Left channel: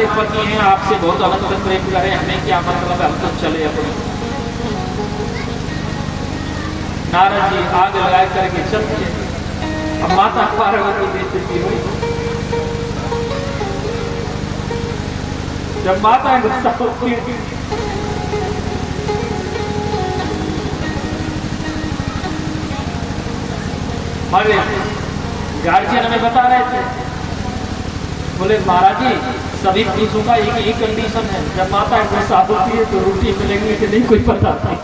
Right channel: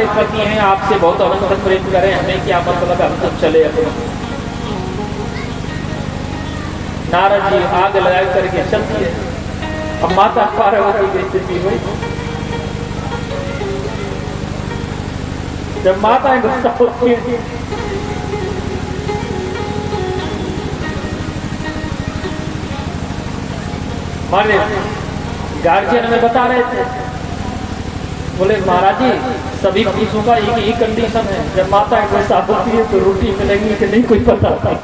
हमारे पति हैं, आपसे बहुत अनंत प्रेम करें, हमें क्या मतलब, हम तो चले अपने। नारद जी आग लगा करके चलते। अब माता पार्वती की स्थिति हुई, जब माता गुस्सा होती है, हमारे गार्जियन हमें बता रहे थे, बोले महाराज जी सभी पुरुषों का एक ही कंडीशन है, जब माता गुस्सा होती है तो रोटी मिलेगी कि नहीं कोई पता नहीं।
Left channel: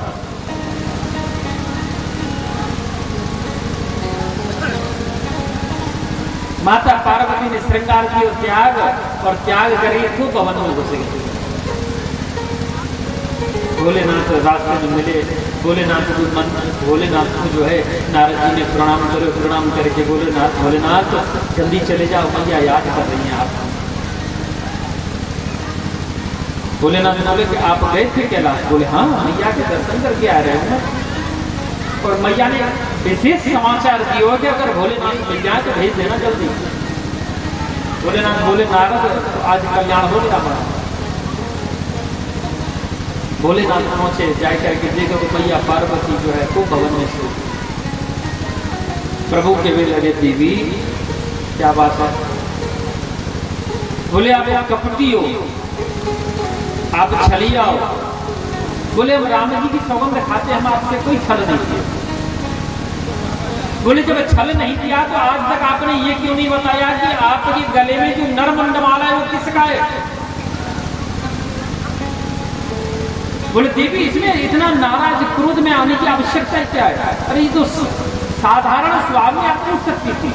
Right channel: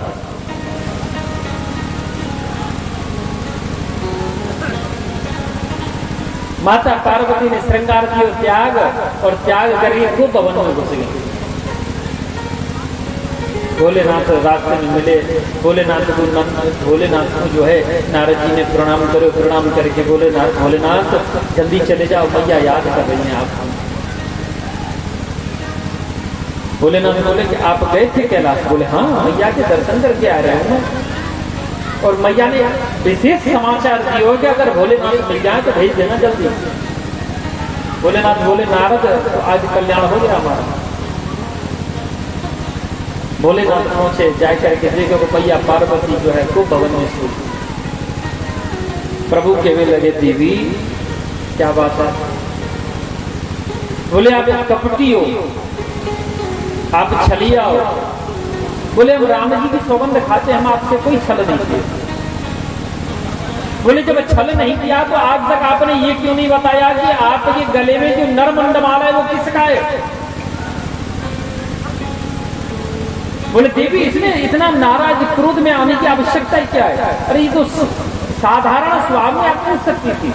माता पार्वती ने श्रृंगार किया त्याग, और त्याग करके खूब भवन में घुस गए। भोलेनाथ रास्ते में मिले, भोलेनाथ को जो है नारद जी ने प्रणाम करे, प्रणाम करके भोलेनाथ जल्दी चले जाओ, मैया याद कर रही हैं आपको। भोलेनाथ बोले कि आप गए थे कैलाश? बोले हाँ, मैया के दर्शन करके आ रहे हैं ना। और मैया ने विशेष समाचार दिया कि अगर भोलेनाथ मिल जाए तो भेज देना जल्दी। भोलेनाथ बोले नारद आज कल्याण हो गया हमारा। भोलेनाथ पहुंचे, जाकर के देखो तो मैया पार्वती जो है खूब भवन में स्थित। प्रभु के वे लगे देवी क्या बात है? बोले आप एक कपटी हो, आप छलिया हो। बोले हम राम जी की सौगंध खाते, हम आपसे कोई छल नहीं किया। बोले जब छल नहीं किया तो आज तक आपने ये क्यों नहीं बताया कि आपके गले में जो नरमंडमाला है वो किसका है? बोले देवी इसमें इतना नाराज क्रोध में आने की आवश्यकता क्या है? अरे ये तो साधारण स्वभाव में आप पूछ सकती थी।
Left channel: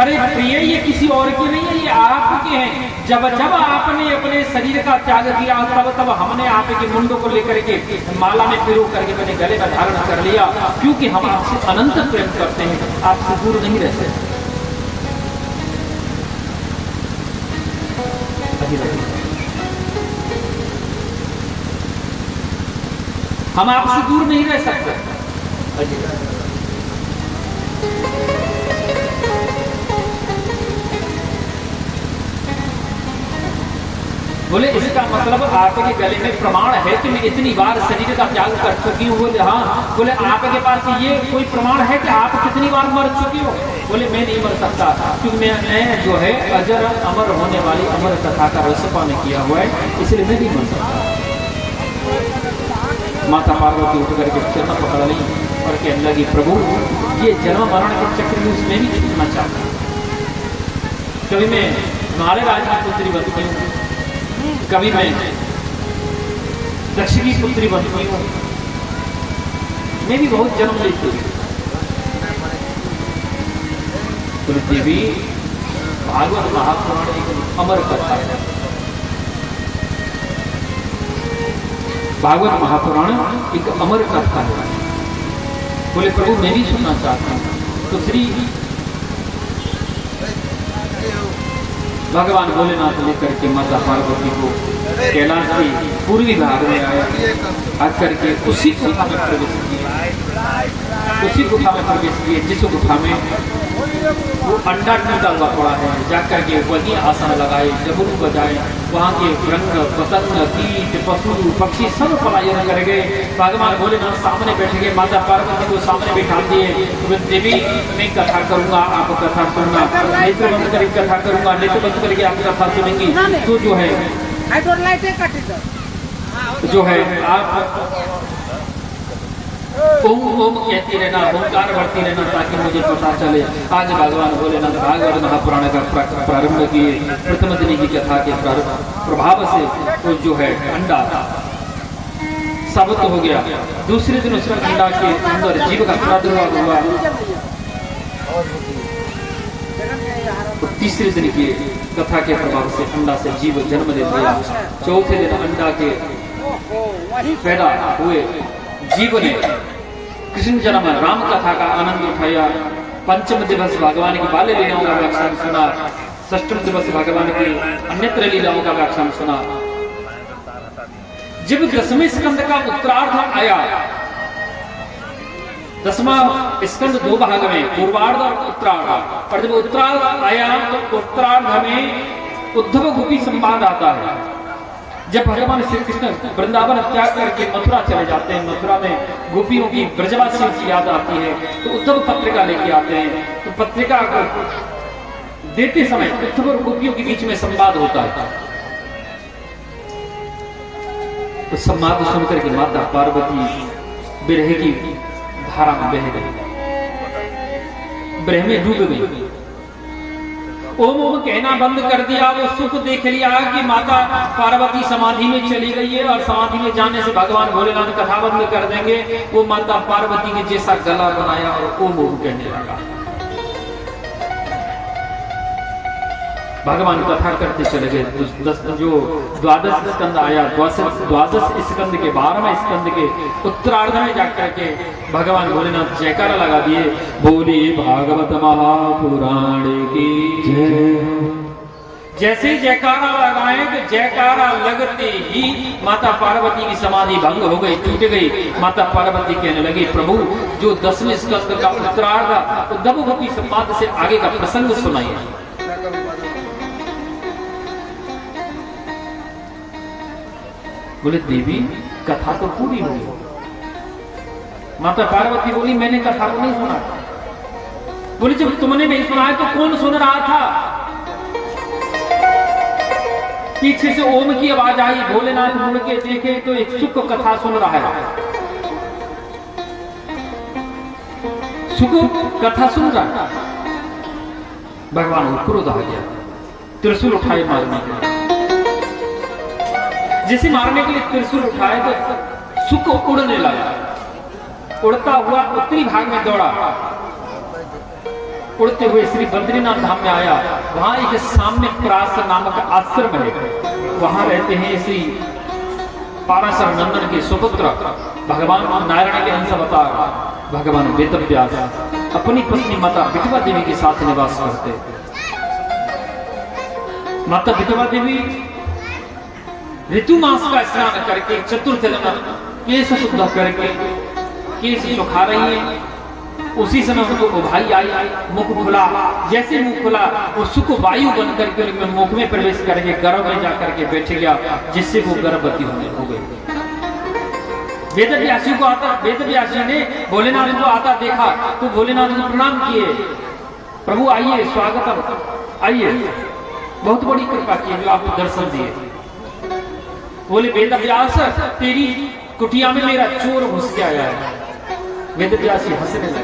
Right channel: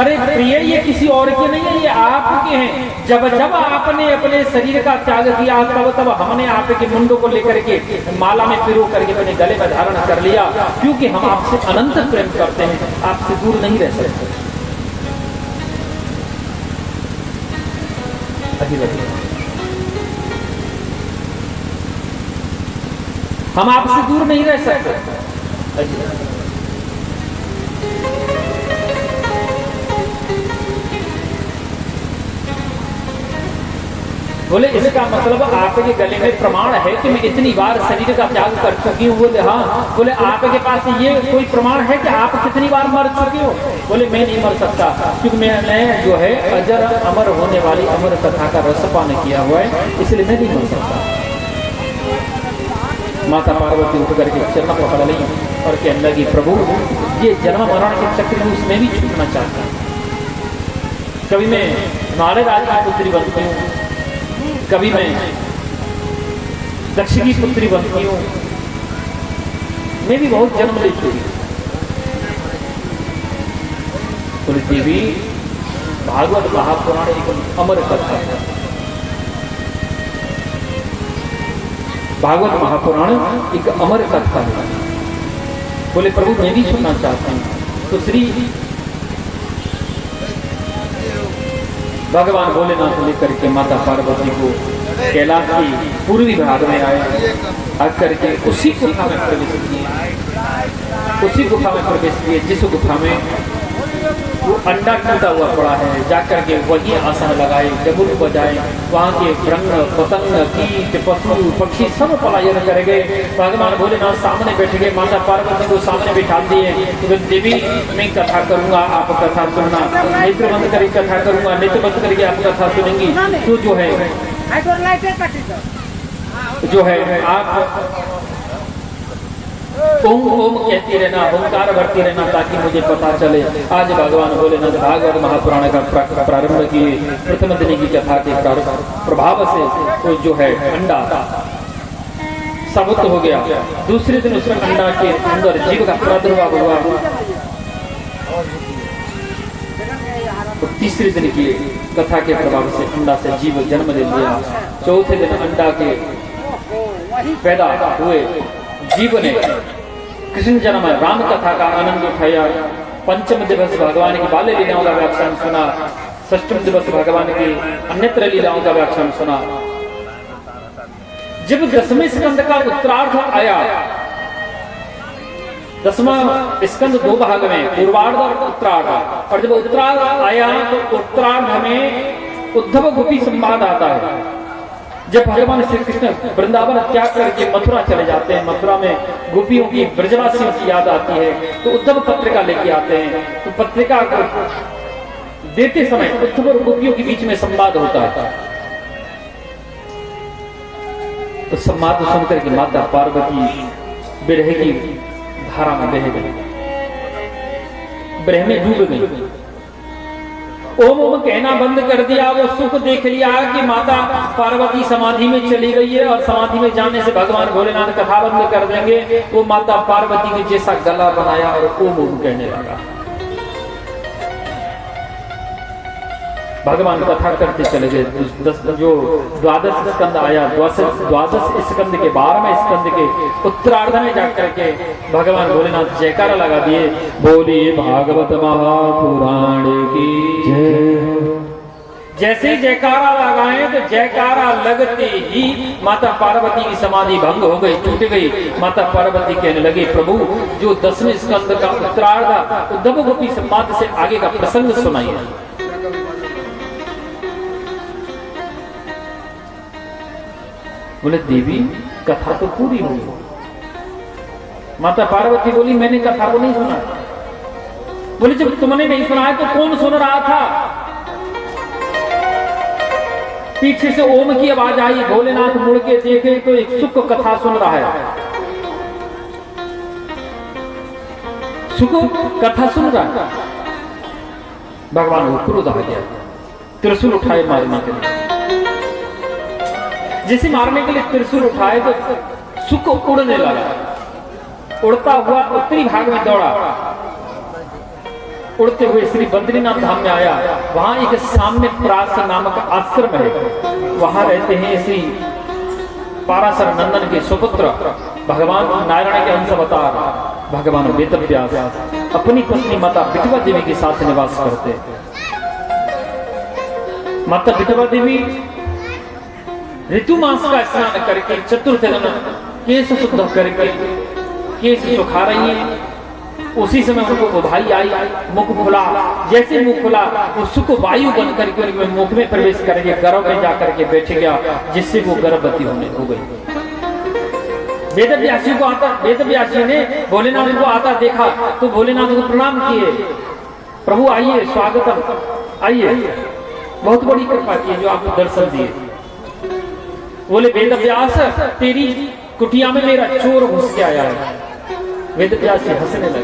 अरे प्रिय ये किसी और के नहीं है, ये आपके हैं। जब जब आपने अपने शरीर का त्याग किया तब तब हमने आपके मुंडों को लेकर के माला में पिरो करके अपने गले का धारण कर लिया, क्योंकि हम आपसे अनंत प्रेम करते हैं, आपसे दूर नहीं रह सकते। हम आपसे दूर नहीं रह सकते। बोले इसका मतलब आपके गले में प्रमाण है कि मैं इतनी बार शरीर का त्याग कर चुकी हूँ? बोले हाँ। बोले आपके पास ये कोई प्रमाण है कि आप कितनी बार मर चुके हो? बोले मैं नहीं मर सकता, क्योंकि मैंने जो है अजर अमर होने वाली अमर कथा का रसपान किया हुआ है, इसलिए मैं नहीं मर सकता। माता पार्वती उठ करके चरण पकड़ ली और कहने लगी प्रभु ये जन्म मरण के चक्र में उसमें भी छूटना चाहता। कभी मैं नारद राज की पुत्री बनती हूँ, कभी मैं दक्ष की पुत्री बनती हूँ, मैं भी बहुत जन्म लेती हूँ। तो देवी भागवत महापुराण एक अमर कथा है। भागवत महापुराण एक अमर कथा है। बोले प्रभु मैं भी सुनना चाहता हूँ। तो श्री भगवान भोलेनाथ लेकर के माता पार्वती को कैलाश की पूर्वी भाग में आए, आकर के उसी गुफा में प्रवेश किए, उसी गुफा में प्रवेश किए जिस गुफा में वो अंडा टूटा हुआ पड़ा है। जाकर के वही आसन लगाए, डमरू बजाए, वहाँ के रंग पतंग कीट पशु पक्षी सब पलायन कर गए। भगवान भोलेनाथ सामने बैठ गए, माता पार्वती को सामने बिठा दिए। तो देवी मैं कथा करूंगा, आप कथा सुनना, नेत्र बंद करके कथा करूंगा, नेत्र बंद करके आप कथा सुनेंगी। तो जो है आप ओम ओम कहते रहना, ओंकार भरते रहना, ताकि मुझे पता चले। आज भगवान भोलेनाथ भागवत महापुराण का प्रारंभ किए। प्रथम दिन की कथा के प्रभाव से तो जो है अंडा साबित हो गया। दूसरे दिन उस अंडा के अंदर जीव का प्रादुर्भाव हुआ। तीसरे दिन की कथा के प्रभाव से अंडा से जीव जन्म ले लिया। चौथे दिन अंडा के पैदा हुए जीव ने कृष्ण जन्म राम कथा का आनंद उठाया। पंचम दिवस भगवान की बाल्य लीलाओं का व्याख्यान सुना। षष्ठम दिवस भगवान की अन्यत्र लीलाओं का व्याख्यान सुना। जब दसवें स्कंद का उत्तरार्ध आया, दसवां स्कंद दो भाग में, पूर्वार्ध और उत्तरार्ध, और जब उत्तरार्ध आया तो उत्तरार्ध में उद्धव गोपी संवाद आता है। जब भगवान श्री कृष्ण वृंदावन त्याग करके मथुरा चले जाते हैं, मथुरा में गोपियों की ब्रजवासियों की याद आती है, तो उद्धव पत्रिका लेके आते हैं। तो पत्रिका देते समय उद्धव और गोपियों के बीच में संवाद होता है। तो संवाद सुनकर के माता पार्वती विरह की धारा में बह गई, विरह में डूब गई। ओम ओम कहना बंद कर दिया। वो सुख देख लिया कि माता पार्वती समाधि में चली गई है, और समाधि में जाने से भगवान भोलेनाथ कथा बंद कर देंगे। वो माता पार्वती ने जैसा गला बनाया और ओम ओम कहने लगा। भगवान कथा करते चले गए। जो द्वादश स्कंद आया, द्वादश स्कंद के 12वें स्कंद के उत्तरार्ध में जाकर के भगवान भोलेनाथ जयकारा लगा दिए, बोले भागवत महापुराण की जय। जैसे जयकारा लगाए तो जयकारा लगते ही माता पार्वती की समाधि भंग हो गई, टूट गई। माता पार्वती कहने लगी, प्रभु जो 10वें स्कंद का उत्तरार्ध उद्धव गोपी संवाद से आगे का प्रसंग सुनाइए। बोले देवी कथा तो पूरी हुई। माता पार्वती बोली, मैंने कथा को नहीं सुना। बोले जब तुमने नहीं सुना तो कौन सुन रहा था? पीछे से ओम की आवाज आई। भोलेनाथ मुड़ के देखे तो एक सुख कथा सुन रहा है। सुख कथा सुन रहा है। भगवान को क्रोध आ गया, त्रिशूल उठाए मारने के लिए। जैसे मारने के लिए त्रिशूल उठाए तो सुख उड़ने लगा। उड़ता हुआ उत्तरी भाग में दौड़ा, उड़ते हुए श्री बद्रीनाथ धाम में आया। वहां एक सामने प्रास नामक आश्रम है, वहां रहते हैं श्री पाराशर नंदन के सुपुत्र भगवान नारायण के अंश अवतार भगवान वेदव्यास अपनी पत्नी माता विठवा देवी के साथ निवास करते। माता विठवा देवी ऋतु मास का स्नान करके चतुर्थ दिन केश शुद्ध करके केश सुखा रही है। उसी समय उनको उभाई आई, मुख खुला। जैसे मुख खुला वो सुख वायु बन करके मुख में प्रवेश करके गर्भ में जाकर के बैठ गया, जिससे वो गर्भवती हो गई। वेदव्यासी को आता, वेदव्यासी ने भोलेनाथ को आता देखा तो भोलेनाथ को प्रणाम किए, प्रभु आइए, स्वागतम, आइए, बहुत बड़ी कृपा की जो आपको दर्शन दिए। बोले वेदव्यास तेरी कुटिया में मेरा चोर घुस के आया है। वेदव्यास हंसने लगे।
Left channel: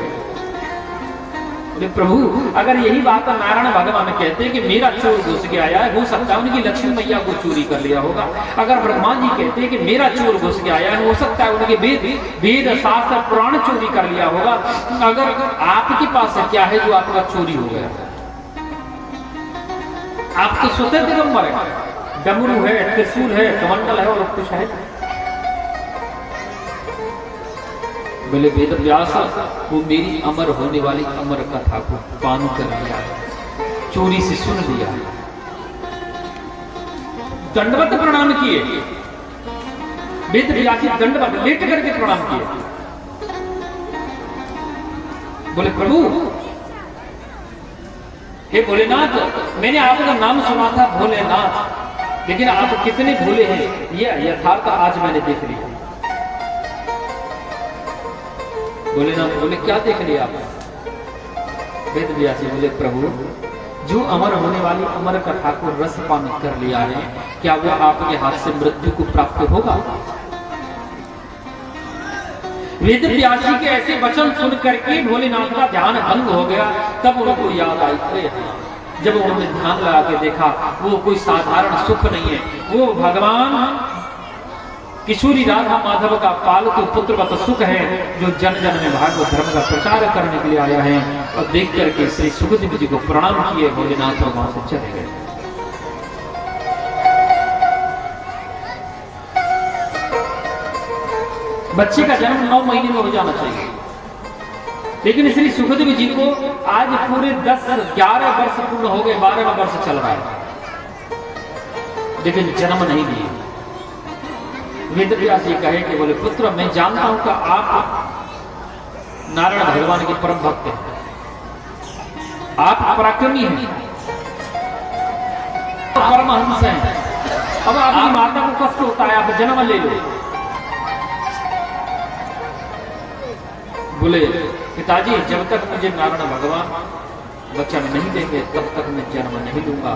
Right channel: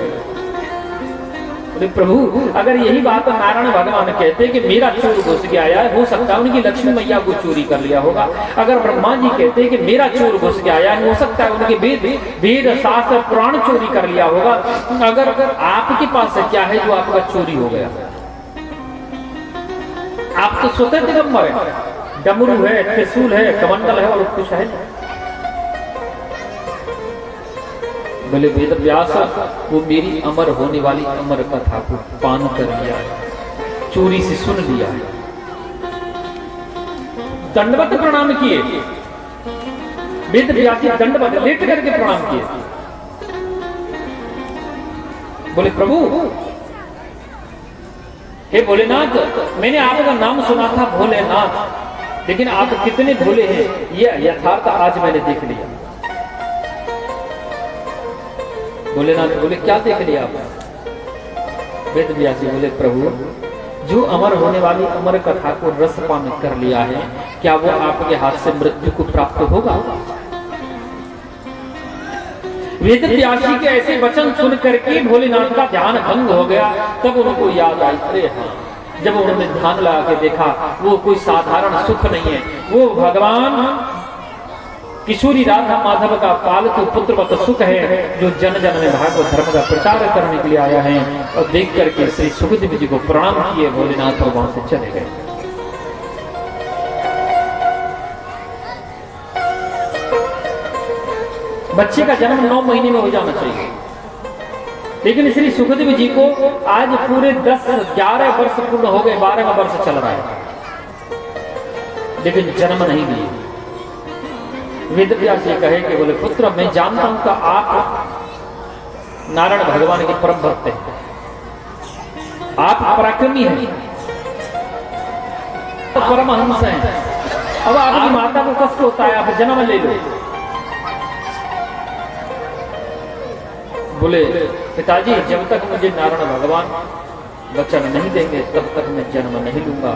बोले प्रभु अगर यही बात नारायण भगवान कहते कि मेरा चोर घुस के आया है, हो सकता है उनकी लक्ष्मी मैया को चोरी कर लिया होगा। अगर ब्रह्मा जी कहते कि मेरा चोर घुस के आया है, हो सकता है उनके वेद शास्त्र पुराण चोरी कर लिया होगा। अगर आपके पास क्या है जो आपका चोरी हो गया? आपके स्वतंत्र नंबर है, डमरू है, त्रिशूल है, कमंडल है और कुछ है। बोले वेदव्यास वो मेरी अमर होने वाली अमर कथा को पान कर लिया, चोरी से सुन लिया। दंडवत प्रणाम किए, वेदव्यास दंडवत लेट करके प्रणाम किए। बोले प्रभु हे भोलेनाथ, मैंने आपका नाम सुना था भोलेनाथ, लेकिन आप कितने भोले हैं यह यथार्थ आज मैंने देख लिया। भोलेनाथ बोले क्या देख लिया आप? वेदव्यास बोले प्रभु जो अमर होने वाली अमर कथा को रसपान कर लिया है, क्या वो आपके हाथ से मृत्यु को प्राप्त होगा? वेदव्यास के ऐसे वचन सुन करके भोलेनाथ का ध्यान भंग हो गया। तब उनको याद आई, अरे जब उन्होंने ध्यान लगा के देखा वो कोई साधारण सुख नहीं है, वो भगवान किशोरी राधा माधव का पालतू पुत्रवत सुख है, जो जन जन में भागवत धर्म का प्रचार करने के लिए आया है। और देख करके श्री सुखदेव जी को प्रणाम किए भोलेनाथ और वहां से चले गए। बच्चे का जन्म 9 महीने में हो जाना चाहिए, लेकिन श्री सुखदेव जी को आज पूरे 10-11 वर्ष पूर्ण हो गए, 12 वर्ष चल रहा है, लेकिन जन्म नहीं दिए। वेदव्यास जी कहे कि बोले पुत्र मैं जानता हूं कि आप नारायण भगवान के परम भक्त हैं, आप पराक्रमी हैं, आप परमहंस हैं, अब आपकी माता को कष्ट होता है, आप जन्म ले लो। बोले पिताजी जब तक मुझे नारायण भगवान वचन नहीं देंगे तब तक मैं जन्म नहीं लूंगा।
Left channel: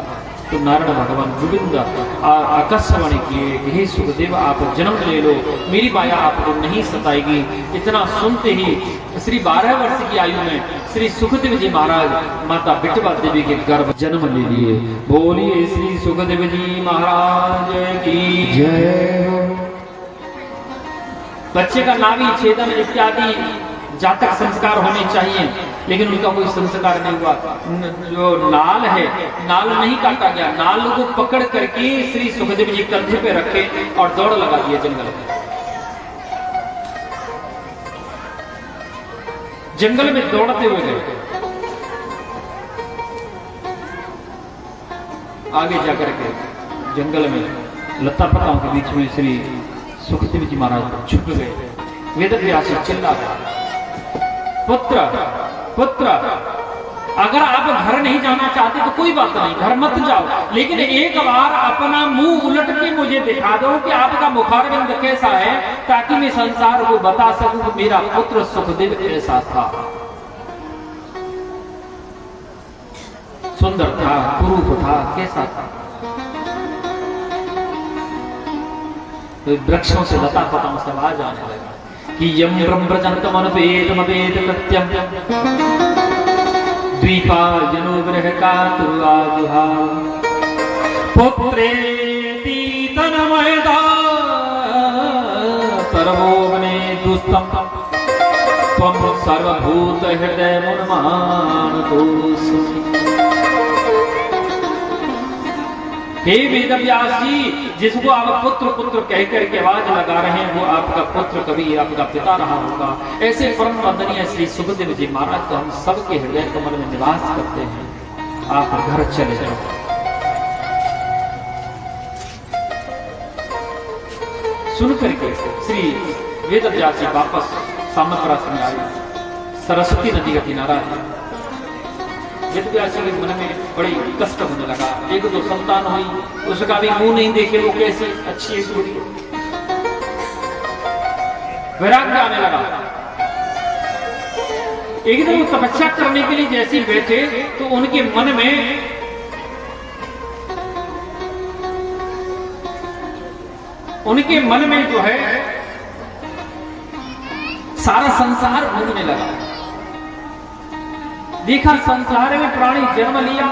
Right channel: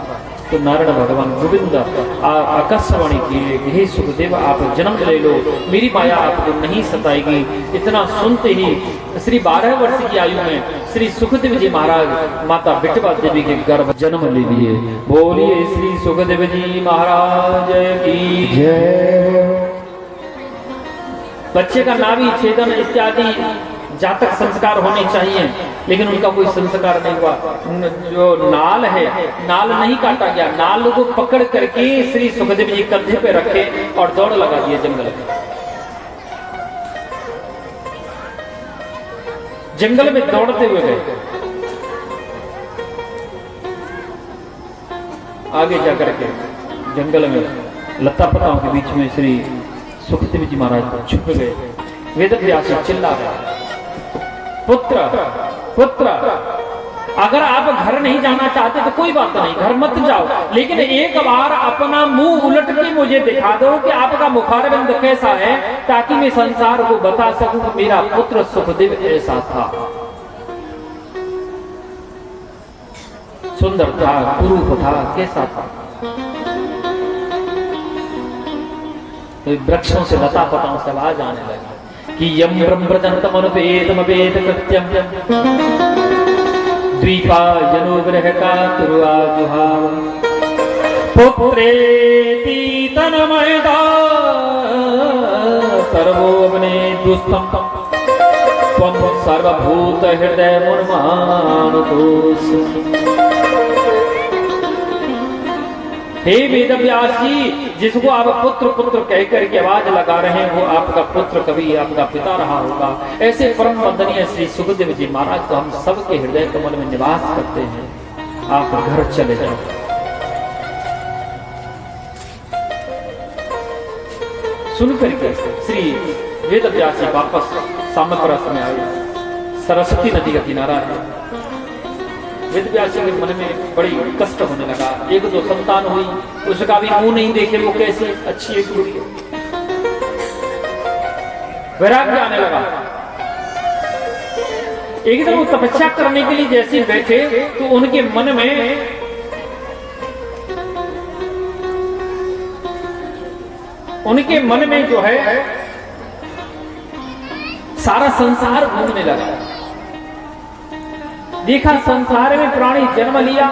तो नारायण भगवान गोविंद आकाशवाणी किए, हे सुखदेव आप जन्म ले लो, मेरी माया आपको नहीं सताएगी। इतना सुनते ही श्री 12 वर्ष की आयु में श्री सुखदेव जी महाराज माता विठवा देवी के गर्भ जन्म ले लिए। बोलिए श्री सुखदेव जी महाराज की जय। बच्चे का नाभि छेदन इत्यादि जातक संस्कार होने चाहिए, लेकिन उनका कोई संस्कार नहीं हुआ। जो नाल है, नाल नहीं काटा गया, नाल को पकड़ करके श्री सुखदेव जी कंधे पे रखे और दौड़ लगा दिए जंगल में। जंगल में दौड़ते हुए गए, आगे जाकर के जंगल में लता पताओं के बीच में श्री सुखदेव जी महाराज छुप गए। वेदव्यास चिल्ला रहा, पुत्र पुत्र अगर आप घर नहीं जाना चाहते तो कोई बात नहीं, घर मत जाओ, लेकिन एक बार अपना मुंह उलट के मुझे दिखा दो कि आपका मुखारबिंद कैसा है, ताकि मैं संसार को बता सकूं कि मेरा पुत्र सुखदेव ऐसा था, सुंदर था, कुरूप था, कैसा था। तो वृक्षों से लता पताओं से आवाज आने लगा कि यम ब्रह्मजंतमनुपेतमपेत कृत्यम द्वीपा जनोग्रहका कुरुआजुहाव पुत्रेति तनमयदा सर्वोवने दुस्तम त्वं सर्वभूत हृदय मुन्मानतोऽसि। हे वेदव्यास जी, जिसको आप पुत्र पुत्र कह करके आवाज लगा रहे हैं वो आपका पुत्र कभी आपका पिता रहा होगा। ऐसे परम वंदनीय श्री सुखदेव जी महाराज तो हम सबके हृदय कमल में निवास करते हैं। आप घर चले जाओ। सुन करके श्री वेदव्यास जी वापस सामग्रास में आए। सरस्वती नदी का किनारा है। वेदव्यास के मन में बड़ी कष्ट होने लगा। एक दो संतान हुई, उसका भी मुंह नहीं देखे वो कैसे अच्छी एक वैराग्य आने लगा। एकदम तपस्या करने के लिए जैसे बैठे तो उनके मन में जो है सारा संसार घूमने लगा। देखा संसार में प्राणी जन्म लिया,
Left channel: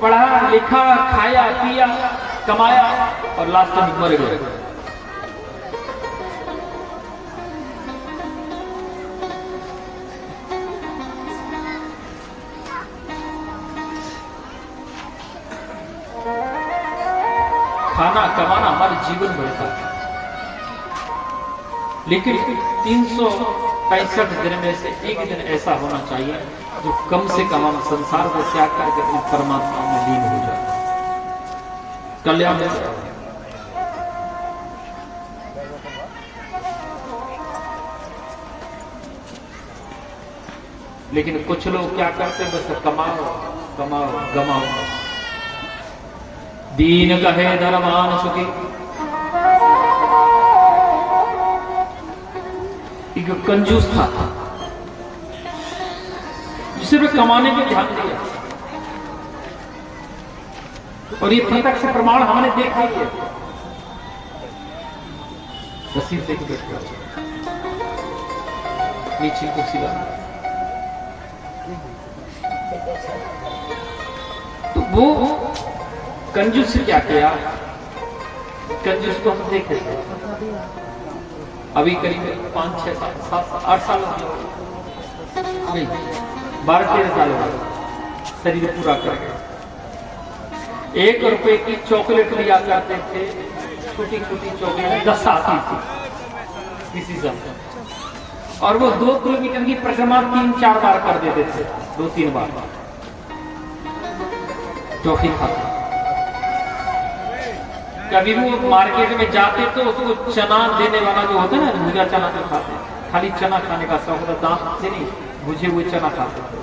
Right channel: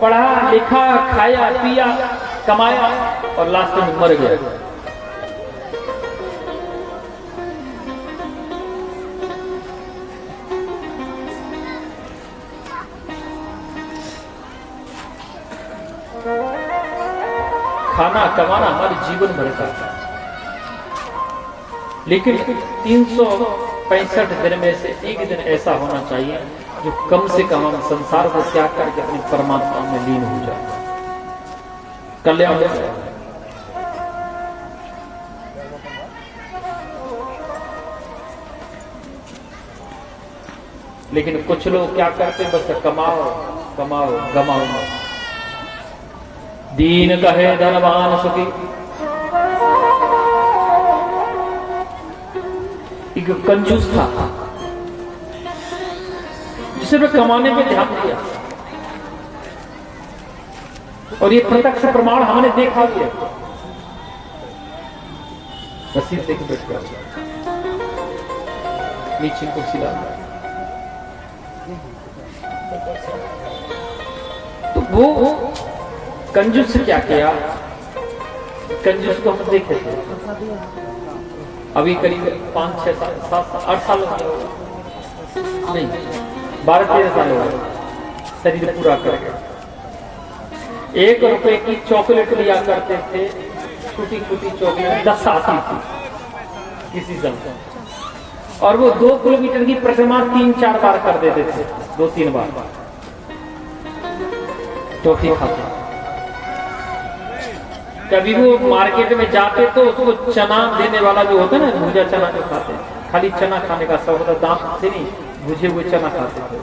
पढ़ा लिखा, खाया पिया, कमाया और लास्ट में मर गया। खाना कमाना हमारे जीवन भर का, लेकिन 365 दिन में से एक दिन ऐसा होना चाहिए जो कम से कम हम संसार को त्याग करके अपने परमात्मा में लीन हो जाए, कल्याण हो जाए। लेकिन कुछ लोग क्या करते हैं, बस कमाओ कमाओ गमाओ। दीन कहे धनवान सुखी, एक कंजूस था सिर्फ कमाने पे ध्यान दिया, और ये प्रत्यक्ष प्रमाण हमने देखा है। रसीद देख बैठ नीचे को सिला, तो वो कंजूस से क्या किया, कंजूस को हम देख रहे थे अभी करीब 5, 6, 7, 8 साल नहीं 12-13 साल हो शरीर पूरा कर 1 रुपए की चॉकलेट लिया करते थे, छोटी छोटी चॉकलेट 10 आती थी किसी समय, और वो 2 किलोमीटर की परिक्रमा 3-4 बार कर देते थे, 2-3 बार टॉफी खाता। कभी वो मार्केट में जाते तो उसको चना देने वाला जो होता ना, भुजा चना तो खाते, खाली चना खाने का शौक होता, दांत से नहीं भुजे हुए चना खाते थे।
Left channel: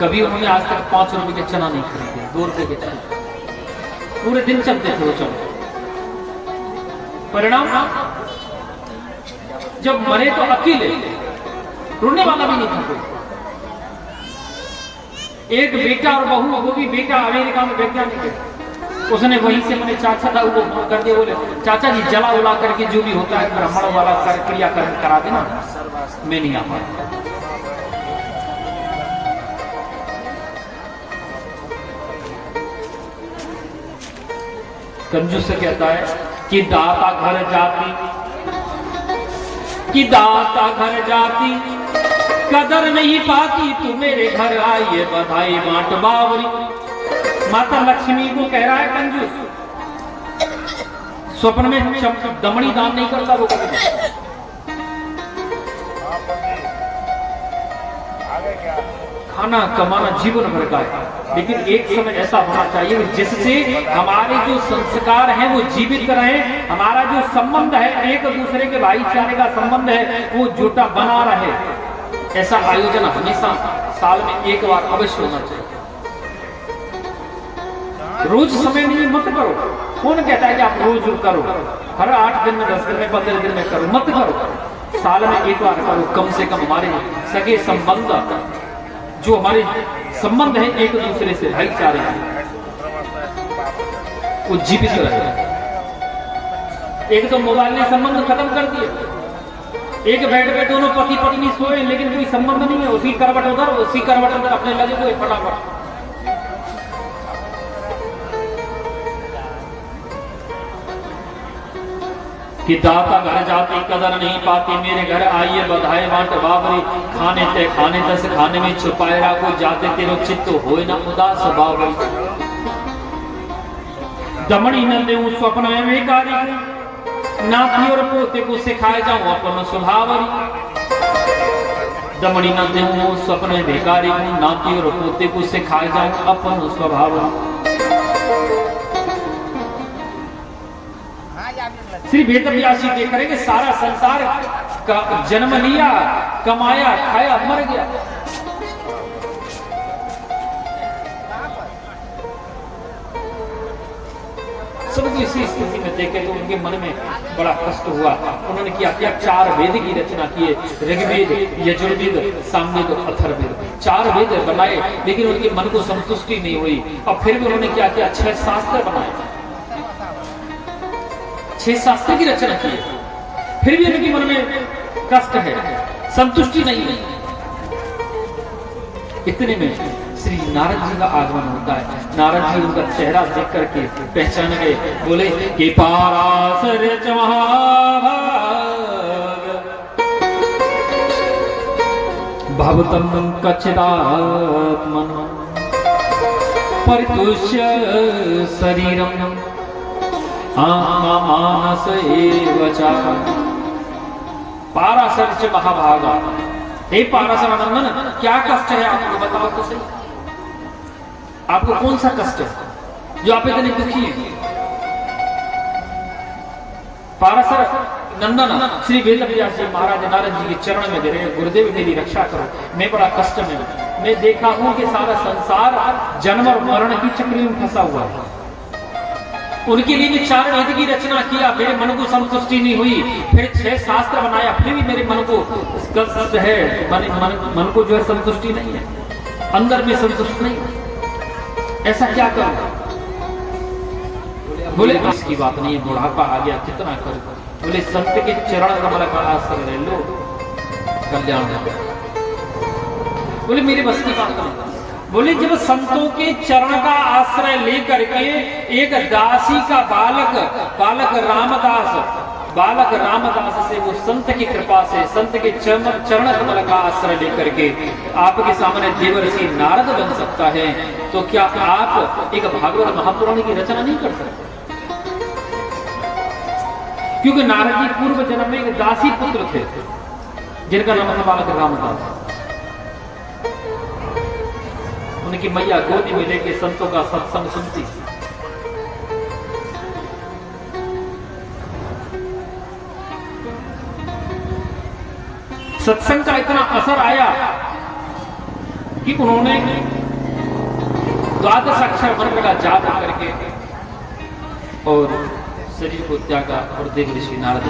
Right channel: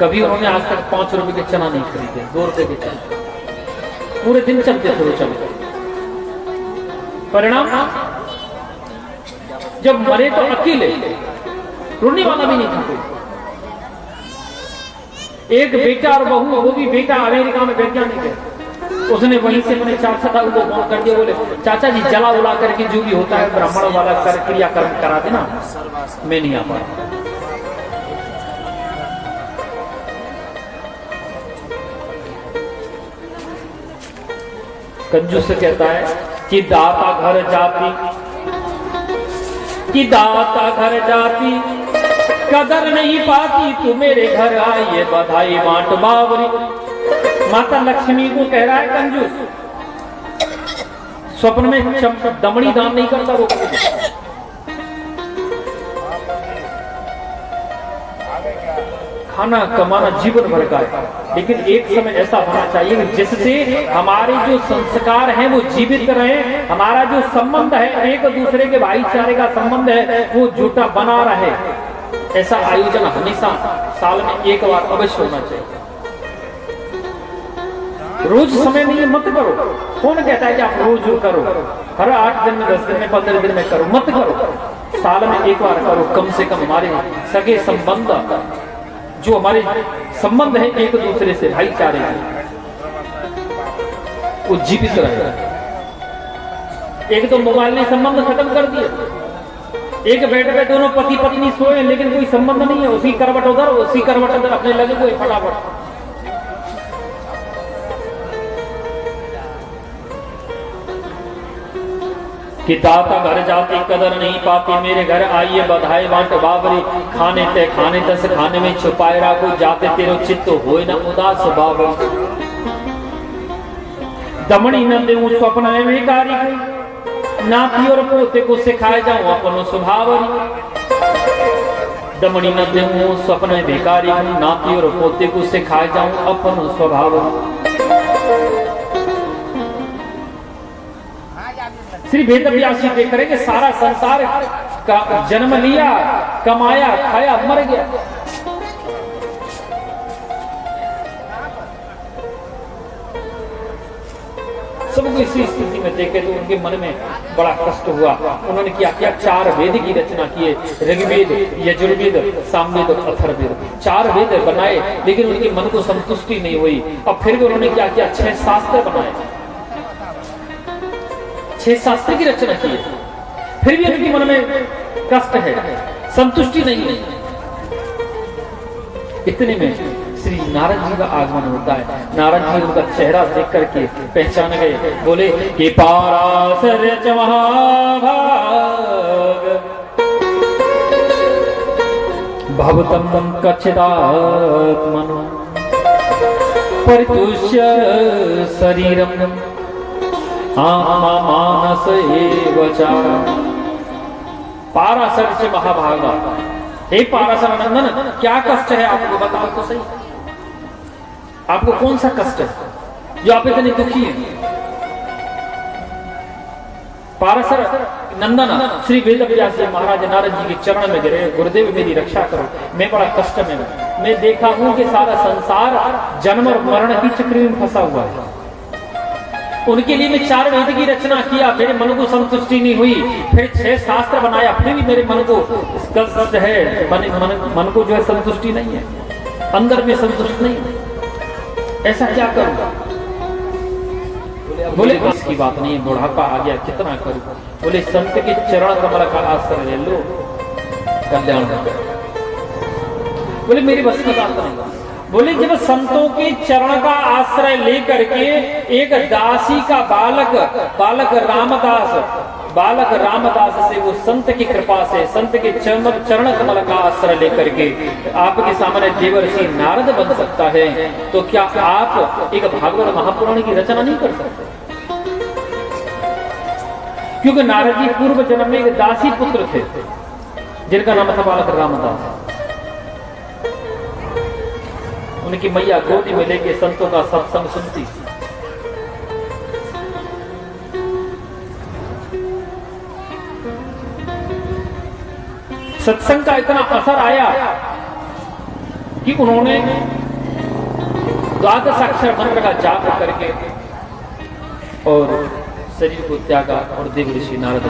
कभी उन्होंने आज तक 5 रुपए के चना नहीं खरीदे, 2 रुपए के चना, पूरे दिन चलते थे वो चने। परिणाम जब मरे तो अकेले, रोने वाला भी नहीं था। एक बेटा और बहू, वो भी बेटा अमेरिका में वैज्ञानिक है, उसने वहीं से मैंने चाचा था वो फोन कर दिया, बोले चाचा जी जला उला करके जो भी होता है ब्राह्मण वाला क्रियाकर्म करा देना, मैं नहीं आ पा रहा। कंजूस से कहता है कि दाता घर जाती, कि दाता घर जाती, कदर नहीं पाती, तू मेरे घर आइए बधाई बांट बावरी। माता लक्ष्मी को कह रहा है कंजूस, स्वप्न में दमड़ी दान नहीं करता वो। खाना कमाना जीवन भर का, लेकिन एक समय ऐसा होना चाहिए जिससे हमारे जो संस्कार हैं वो जीवित रहे, हमारा जो संबंध है एक दूसरे के भाईचारे का संबंध है वो जुटा बना रहे। ऐसा आयोजन हमेशा साल में एक बार अवश्य होना चाहिए। रोज समय में मत करो, कौन कहता है कि आप रोज करो, हर 8 दिन में 10 दिन में 15 दिन में करो, मत करो, साल में एक बार करो। कम से कम हमारे सगे संबंध, जो हमारे संबंध है एक दूसरे से भाईचारे वो जीवित रहे। एक तो मोबाइल ने संबंध खत्म कर दिए, एक बेड पे दोनों पति पत्नी सोए लेकिन कोई संबंध नहीं है, उसी करवट उधर उसी करवट उधर, अपने लगे कोई फटाफट। कि दाता घर जाती कदर नहीं पाती, मेरे घर आइए बधाई बांट बाबरी। खाने ते खाने दस खाने में छुपाए राखो, जाते तेरो चित्त होए न उदास बाबरी। दमड़ी न देऊं स्वप्न है भिखारी को, नाती और पोते को सिखाए जाऊं अपन स्वभावरी। दमड़ी न देऊं स्वप्न है भिखारी को, नाती और पोते को सिखाए जाऊं अपन स्वभावरी। श्री वेदव्यासी देख रहे कि सारा संसार का जन्म लिया, कमाया, खाया, मर गया। सबको इसी स्थिति में देखे तो उनके मन में बड़ा कष्ट हुआ। उन्होंने क्या किया, 4 वेद की रचना किए, ऋग्वेद, यजुर्वेद, सामवेद और अथर्ववेद, 4 वेद बनाए, लेकिन उनके मन को संतुष्टि नहीं हुई। और फिर भी उन्होंने क्या किया, 6 शास्त्र बनाए, 6 शास्त्र की रचना की, फिर भी उनके मन में कष्ट है, संतुष्टि नहीं है। इतने में श्री नारद जी का आगमन होता है। नारद जी उनका चेहरा देख करके पहचान गए, बोले कि पाराशर भवतम कच्चिदात्मन परितुष्य शरीरम आत्मा मानस एवचा। पाराशर से महाभागा, हे पाराशर नंदन, क्या कष्ट है आपको बताओ तो सही, आपको कौन सा कष्ट है जो आप इतने दुखी हैं? पाराशर नंदन श्री वेदव्यास महाराज नारद जी के चरण में गिरे, गुरुदेव मेरी रक्षा करो, मैं बड़ा कष्ट में हूं। मैं देखा हूं कि सारा संसार जन्म और मरण की चक्र में फंसा हुआ है। उनके लिए मैं 4 वेद की रचना किया, मेरे मन को संतुष्टि नहीं हुई, फिर 6 शास्त्र बनाया, फिर भी मेरे मन को कष्ट है, मन को जो है संतुष्टि नहीं है, अंदर में संतुष्ट नहीं है। ऐसा क्या करूं? बोले इसकी बात नहीं, बुढ़ापा आ गया, कितना करूं? बोले संत के चरण कमल का आश्रय ले लो, कल्याण हो गया। बोले मेरी बस की बात नहीं। बोले जब संतों के चरण का आश्रय लेकर के एक दासी का बालक रामदास से, वो संत की कृपा से, संत के चरण कमल का आश्रय लेकर के आपके सामने देवर्षि नारद बन सकता है, तो क्या आप एक भागवत महापुराण की रचना नहीं कर सकते? क्योंकि नारद जी पूर्व जन्म में एक दासी पुत्र थे जिनका नाम था बालक रामदास। उनकी मैया गोदी में लेके संतों का सत्संग सुनती। सत्संग का इतना असर आया कि उन्होंने द्वादश अक्षर मंत्र का जाप करके और शरीर को त्यागा और देव ऋषि नारद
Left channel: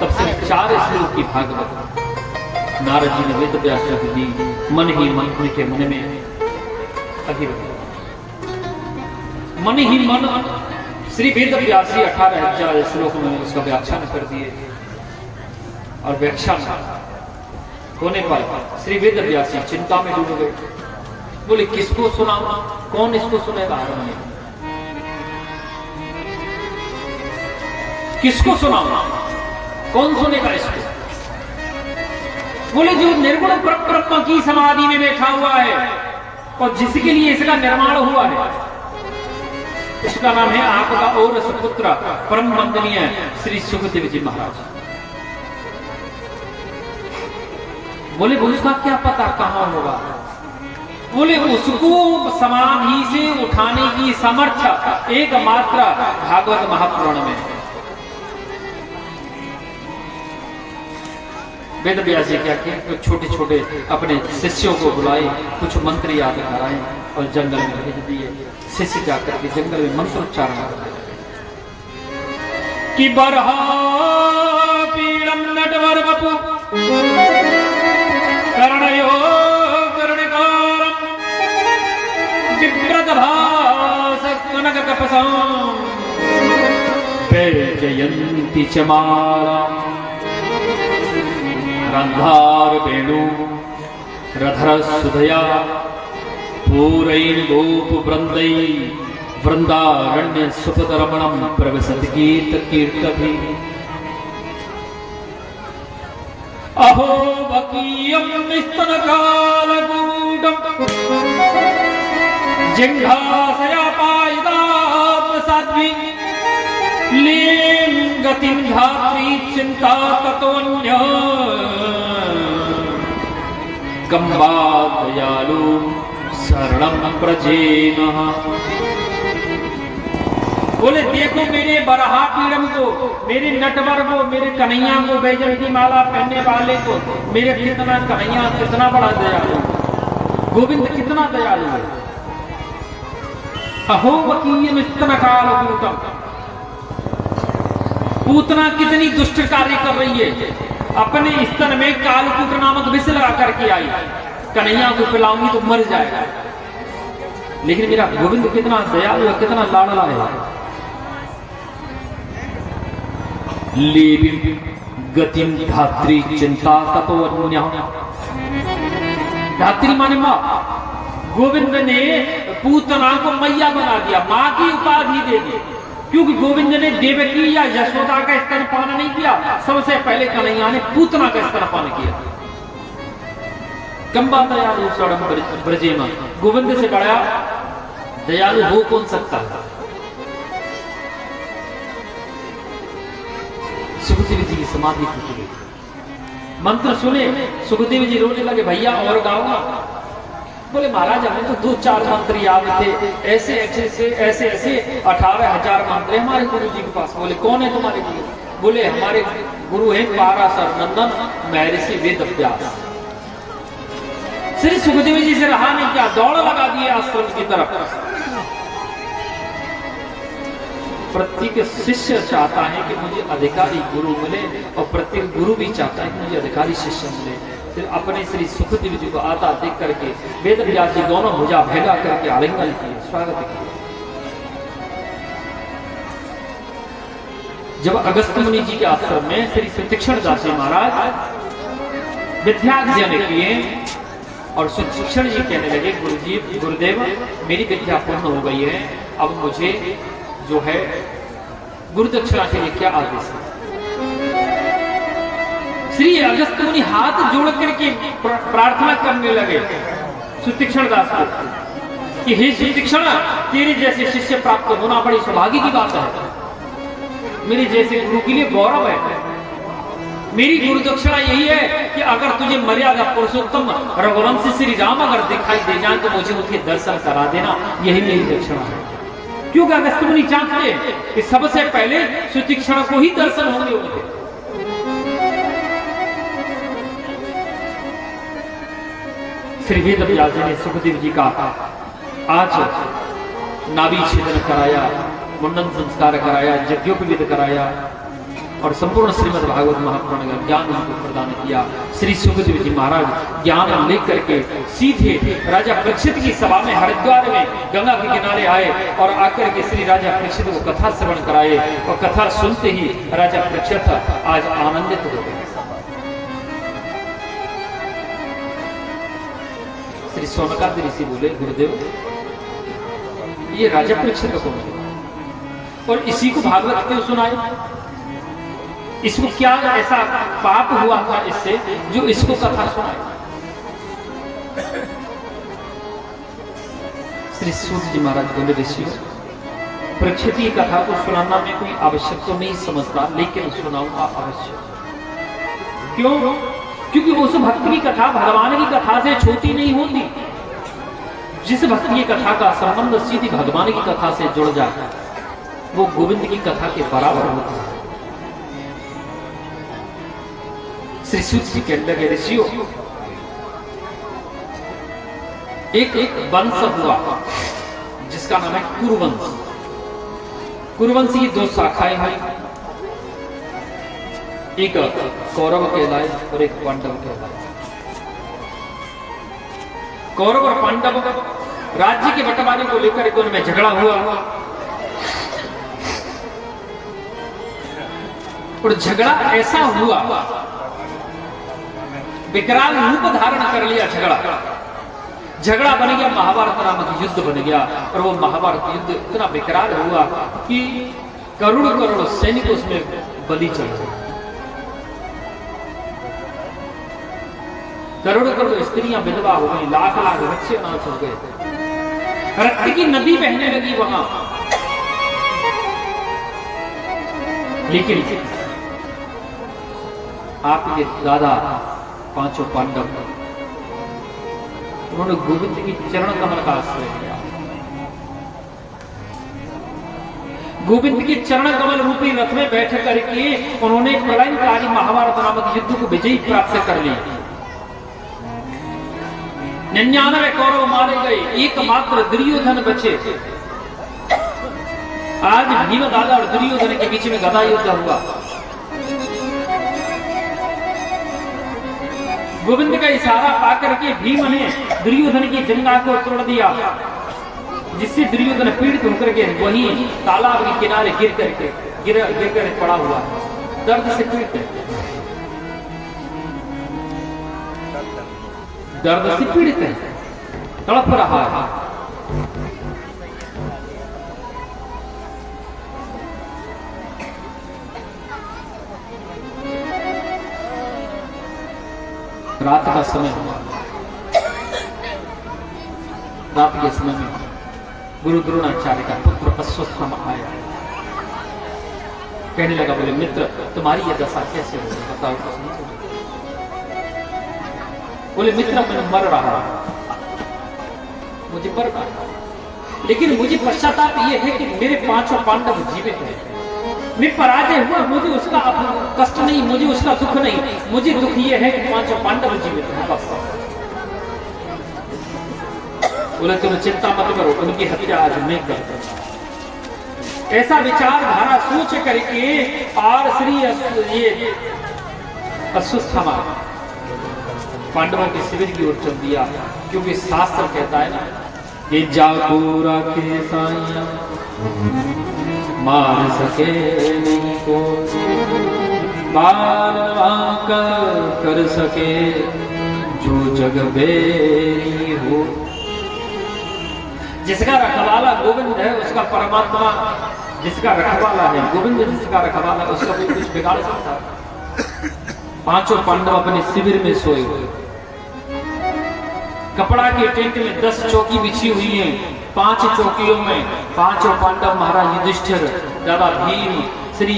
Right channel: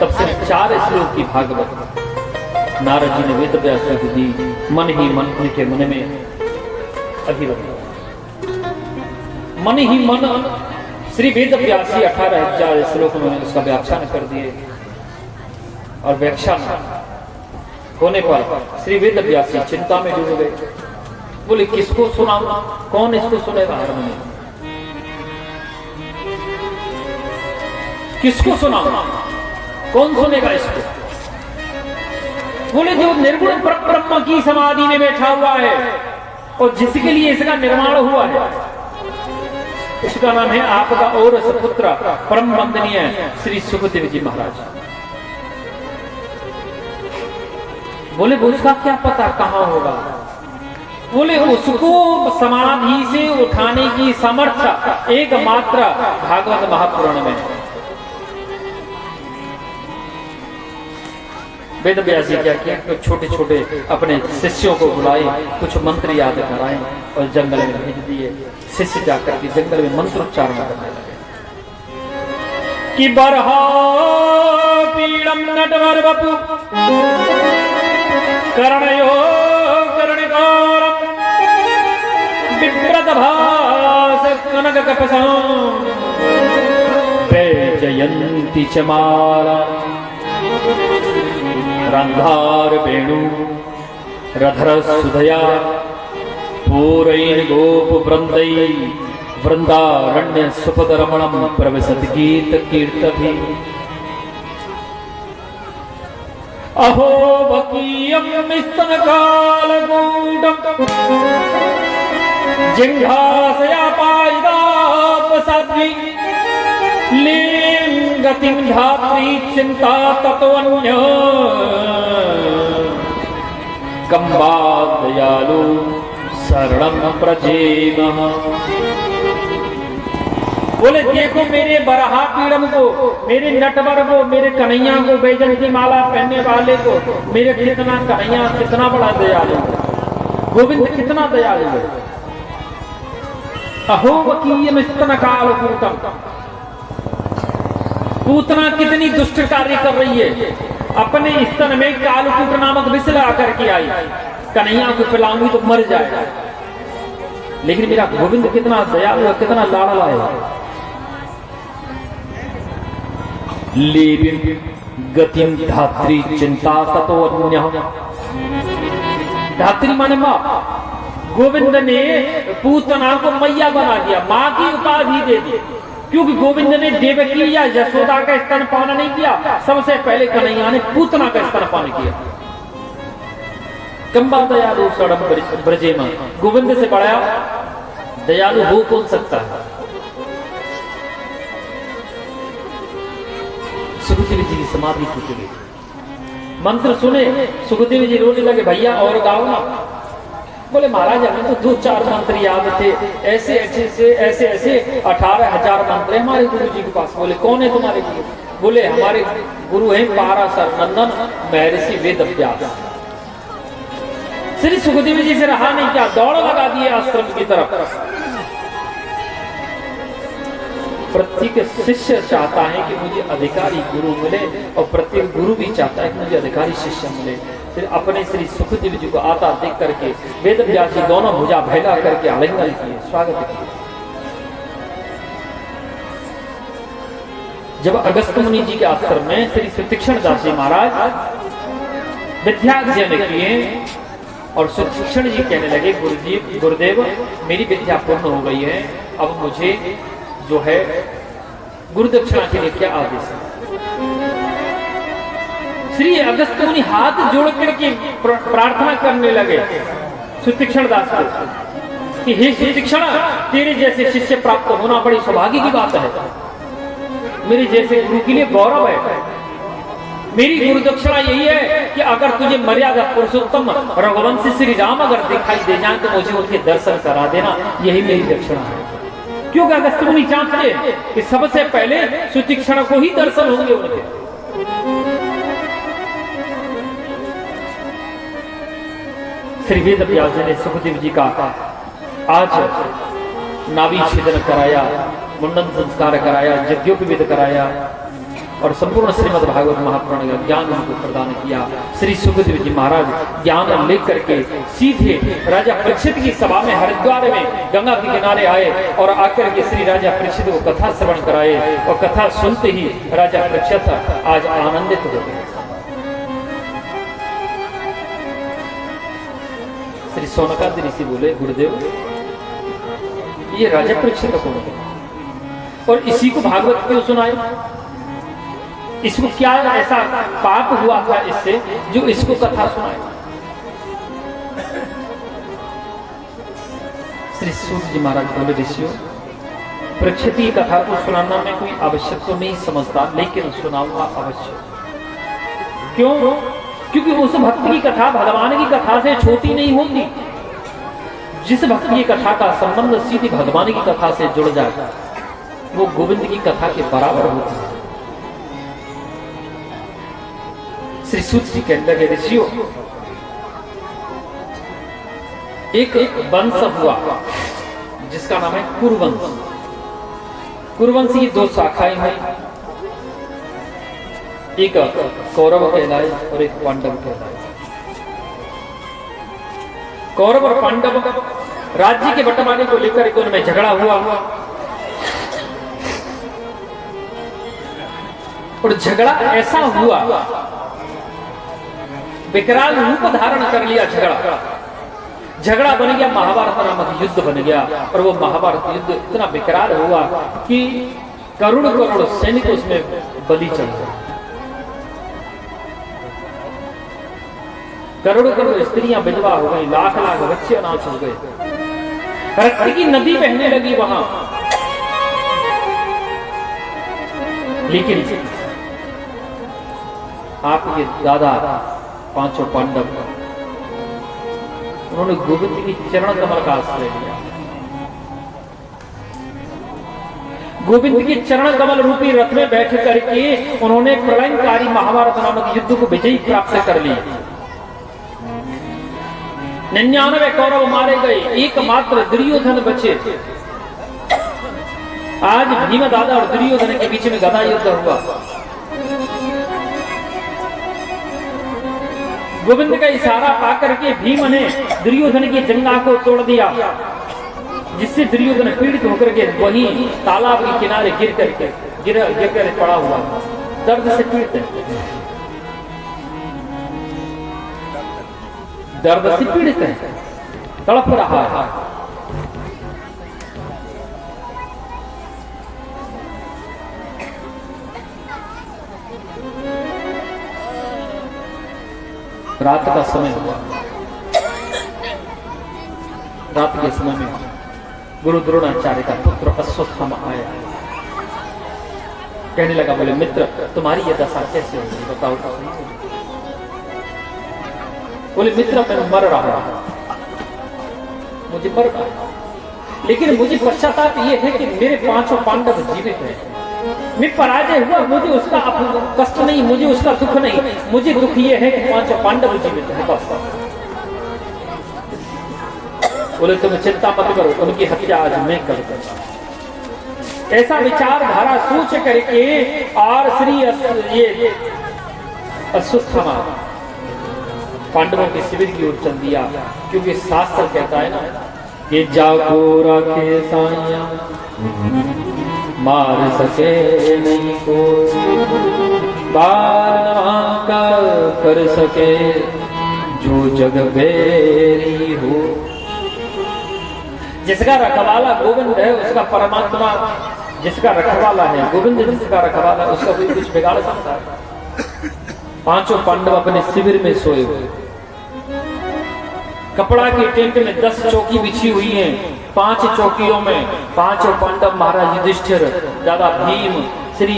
तब से 4 श्लोक की भागवत नारद जी ने वेद व्यास को दी। मन ही मन उनके मन में अभिरत, मन ही मन श्री वेद व्यास 18,000 श्लोक में उसका व्याख्यान कर दिए और व्याख्यान होने पर श्री वेद व्यास चिंता में डूब गए। बोले किसको सुना, कौन इसको सुनेगा, किसको सुना, कौन सुनेगा इसको। बोले जो निर्गुण ब्रह्म की समाधि में बैठा हुआ है और जिसके लिए इसका निर्माण हुआ है, इसका नाम है आपका और सुपुत्र परम वंदनीय श्री सुखदेव जी महाराज। बोले उसका क्या पता कहां होगा। बोले उसको समाधि से उठाने की सामर्थ्य एकमात्र भागवत महापुराण में। वेद व्यास जी क्या किया, कुछ छोटे छोटे अपने शिष्यों को बुलाए, कुछ मंत्र याद कराए और जंगल में भेज दिए। शिष्य जाकर के जंगल में मंत्रोच्चारण कर कि बरहा पीड़म नटवर वपु करणयो करणकारम विव्रत भास कनक कपसं वैजयन्ति चमाला रंधार वेणु रधर सुधया पूरैन गोप वृंदै वृंदारण्य सुपद रमणम प्रवसत गीत कीर्तभी अहो वकीयम स्तन काल गूढ़म जिंघासया पायदाप साध्वी लिंगतिं धात्री चिंता तत्वन्य कंबा दयालु शरणं प्रजेनः। बोले देखो मेरे बरहा पीड़म को, मेरे नटवर को, मेरे कन्हैया को, बैजन की माला पहनने वाले को, मेरे कितना कन्हैया कितना बड़ा दयालु, गोविंद कितना दयालु है। अहो वकीयम स्तन काल गूढ़म, पूतना कितनी दुष्ट कार्य कर रही है, अपने स्तन में कालकूट नामक विष लगा करके आई, कन्हैया को पिलाऊंगी तो मर जाएगा। लेकिन मेरा गोविंद कितना दयालु है, कितना लाडला है। लेविन गतिम धात्री चिंता ततो अन्य, धात्री माने मां। गोविंद ने पूतना को मैया बना दिया, मां की उपाधि दे दी, क्योंकि गोविंद ने देवकी या यशोदा का स्तनपान नहीं किया, सबसे पहले कन्हैया ने पूतना का स्तनपान किया। कंबा दयालु शरणं ब्रजेमा, गोविंद से बड़ा दयालु हो कौन सकता है। सुखदेव जी की समाधि टूट गई, मंत्र सुने सुखदेव जी रोने लगे, भैया और गाओ ना। बोले महाराज हमें तो 2-4 मंत्र याद थे, ऐसे ऐसे 18,000 मंत्र हमारे गुरु जी के पास। बोले कौन है तुम्हारे गुरु? बोले हमारे गुरु हैं पाराशर नंदन महर्षि वेद व्यास। श्री सुखदेव जी से रहा नहीं, क्या दौड़ लगा दिए आश्रम की तरफ। प्रत्येक शिष्य चाहता है कि मुझे अधिकारी गुरु मिले और प्रत्येक गुरु भी चाहता है कि मुझे अधिकारी शिष्य मिले। फिर अपने श्री सुखदेव जी को आता देख करके वेद व्यास जी दोनों भुजा भैगा करके आलिंगन किए, स्वागत किया। जब अगस्त्य मुनि जी के आश्रम में श्री सुतीक्ष्ण दास जी महाराज विद्याध्ययन किए और सुतीक्ष्ण जी कहने लगे, गुरुदेव मेरी विद्या पूर्ण हो गई है, अब मुझे जो है गुरु दक्षिणा के लिए क्या आदेश है। श्री अगस्त्य मुनि हाथ जोड़ करके प्रार्थना करने लगे सुतीक्ष्ण दास को कि हे सुतीक्ष्ण, तेरे जैसे शिष्य प्राप्त होना बड़ी सौभाग्य की बात है, मेरे जैसे गुरु के लिए गौरव है। मेरी गुरु दक्षिणा यही है कि अगर तुझे मर्यादा पुरुषोत्तम रघुवंशी श्री राम अगर दिखाई दे जाए तो मुझे उनके दर्शन करा देना, यही मेरी दक्षिणा है। क्योंकि अगस्त्य मुनि चाहते हैं कि सबसे पहले सुतीक्ष्ण को ही दर्शन होंगे उनके। श्री वेद व्यास जी ने सुखदेव जी का आज नाभि छेदन कराया, मुंडन संस्कार कराया, यज्ञोपवीत कराया और संपूर्ण श्रीमद् भागवत महापुराण का ज्ञान उनको प्रदान किया। श्री सुखदेव जी महाराज ज्ञान लेकर के सीधे राजा परीक्षित की सभा में हरिद्वार में गंगा के किनारे आए और आकर के श्री राजा परीक्षित को कथा श्रवण कराए और कथा सुनते ही राजा परीक्षित आज आनंदित हो गए। श्री सोनकादि ऋषि बोले, गुरुदेव ये राजा परीक्षित कौन है और इसी को भागवत क्यों सुनाए? इसको क्या ऐसा पाप हुआ था इससे जो इसको कथा सुनाए? श्री सूत जी महाराज बोले, ऋषियों परीक्षित की कथा को सुनाना में कोई आवश्यक तो नहीं समझता, लेकिन सुनाऊंगा अवश्य। क्यों? क्योंकि उस भक्त की कथा भगवान की कथा से छोटी नहीं होती। जिस भक्त की कथा का संबंध सीधी भगवान की कथा से जुड़ जाए वो गोविंद की कथा के बराबर होती है। श्री सूत जी कहते हैं, ऋषियों एक वंश हुआ जिसका नाम है कुरुवंश। कुरुवंश की दो शाखाएं हैं, एक कौरव कहलाए और एक पांडव कहलाए। कौरव और पांडव राज्य के बंटवारे को लेकर दोनों में झगड़ा हुआ और झगड़ा ऐसा हुआ, विकराल रूप धारण कर लिया। झगड़ा बन गया, महाभारत नामक युद्ध बन गया और वो महाभारत युद्ध इतना विकराल हुआ कि करोड़ करोड़ सैनिक उसमें बलि चल गए। करोड़ करोड़ स्त्रियां विधवा हो गई, लाख लाख बच्चे अनाथ हो गए, रक्त की नदी बहने लगी वहां। लेकिन आपके दादा पांचों पांडव उन्होंने गोविंद की चरण कमल का आश्रय लिया। गोविंद के चरण कमल रूपी रथ में बैठ करके उन्होंने प्रलयंकारी महाभारत नामक युद्ध को विजयी प्राप्त कर लिया। 99 कौरव मारे गए, एकमात्र दुर्योधन बचे। आज भीम दादा और दुर्योधन के बीच में गदा युद्ध हुआ। गोविंद का इशारा पाकर के भीम ने दुर्योधन की जंगा को तोड़ दिया, जिससे दुर्योधन पीड़ित होकर के वहीं तालाब के किनारे गिर कर पड़ा हुआ, दर्द से पीड़ित है, तड़प रहा है। रात का समय हुआ। रात के समय में गुरु द्रोणाचार्य का पुत्र अश्वत्थामा आया। कहने लगा, बोले मित्र तुम्हारी ये दशा कैसे है बताओ तो। बोले मित्र मैं मर रहा हूं, मुझे मर रहा, लेकिन मुझे पश्चाताप ये है कि मेरे पांचों पांडव जीवित हैं। मैं पराजय हुआ, मुझे उसका कष्ट नहीं, मुझे उसका दुख नहीं, मुझे दुख ये है कि पांचों पांडव जीवित हैं बस। बोले तुम चिंता मत करो, उनकी हत्या आज मैं कर दूंगा। ऐसा विचारधारा सोच करके और श्री ये अश्वत्थामा पांडवों के शिविर की ओर चल दिया, क्योंकि शास्त्र कहता है ना कि जाको रखे सानिया मार सके नहीं को, बार कर सके जो जग बेरी हो। जिसका रखवाला गोविंद है उसका परमात्मा, जिसका रखवाला है गोविंद, जिसका रखवाला उसका कोई कुछ बिगाड़ सकता है। पांचों पांडव अपने शिविर में सोए हुए, कपड़ा के टेंट में 10 चौकी बिछी हुई है। 5 चौकियों में पांचों पांडव महाराज युधिष्ठिर, दादा भीम, श्री